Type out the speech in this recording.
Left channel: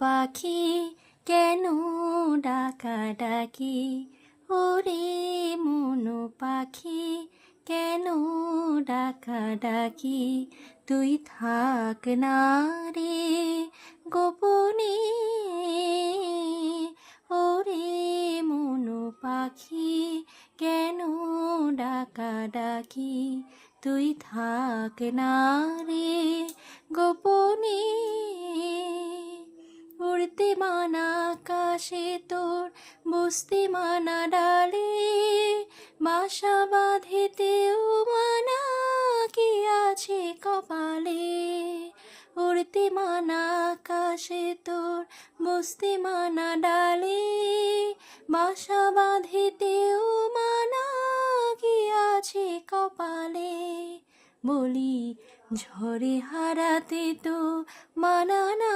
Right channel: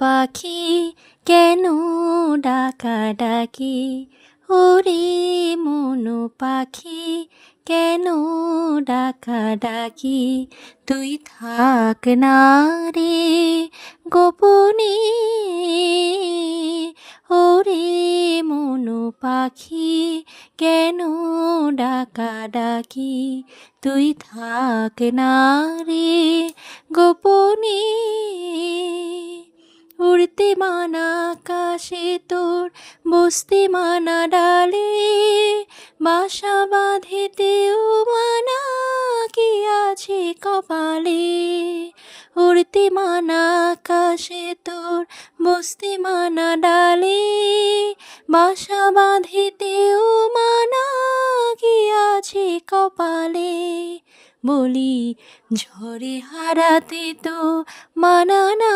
পাখি কেন ডাকাডাকি, ওরে মনু পাখি কেন ডাকাডাকি, তুই থাক না রে গোপনে, ওরে মনু পাখি কেন ডাকাডাকি, তুই থাক না রে গোপনে। উড়তে মানা আকাশে তোর, বসতে মানা ডালে, বাসা বাঁধিতেও মানা কি আছে কপালে। উড়তে মানা আকাশে তোর, বসতে মানা ডালে, বাসা বাঁধিতেও মানা কি আছে কপালে। বলি ঝড়ে হারাতে তো মানা না,